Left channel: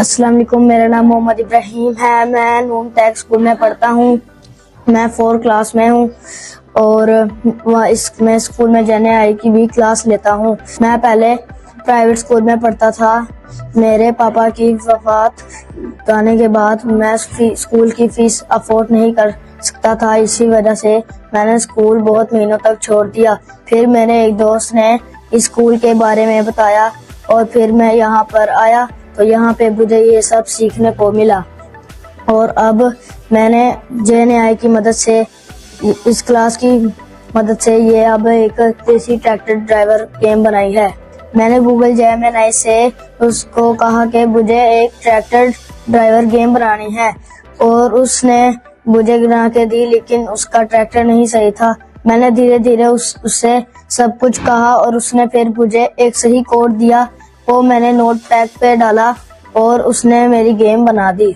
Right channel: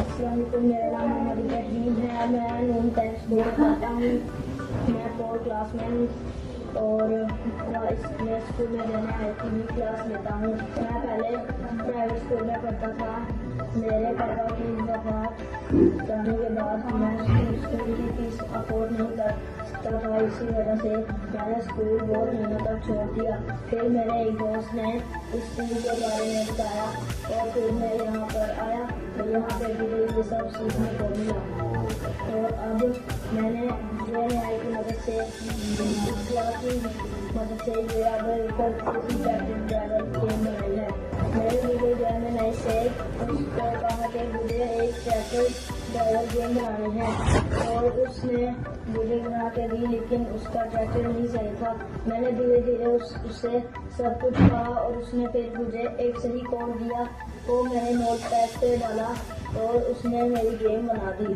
अस्सलाम वालेकुम, मेरा नाम मोहम्मद इब्राहिम है। मैं नून टैग स्कूल में पढ़ता हूँ। मैं 4th क्लास में हूँ और मैं स्कूल में JNI की भी क्लास लेता हूँ। मैं पहले प्राइवेट स्कूल में पढ़ता था। मेरे पापा की वफ़ात जाने के बाद मैं स्कूल की फ़ीस अफोर्ड नहीं कर सकता था। इसी वजह से मैंने स्कूल बहुत महीनों तक छोड़ दिया। फिर मेरे एक दोस्त ने इस स्कूल के बारे में बताया और फिर मैं यहाँ पर आया तो यहाँ पे मुझे ये सब सीखने को मिला और अब मैंने JNI की मदद से इस क्लास की मदद से ये अब एक देसी ट्रैक्टर ड्राइवर गेम बनाई है। मैंने गूगल जेमिनी से उसको कहा कि मुझे एक ट्रैक्टर ड्राइवर गेम बनानी है और उसने मुझे बना के दी, लेकिन उसका ट्रैक्टर नहीं सही था। मैंने धीरे धीरे उससे सब कुछ कहा और उसने फिर मुझे एक सही कोड दिया, वो मैंने नोटपैड पे डाला और उसने मेरी गेम बना दी।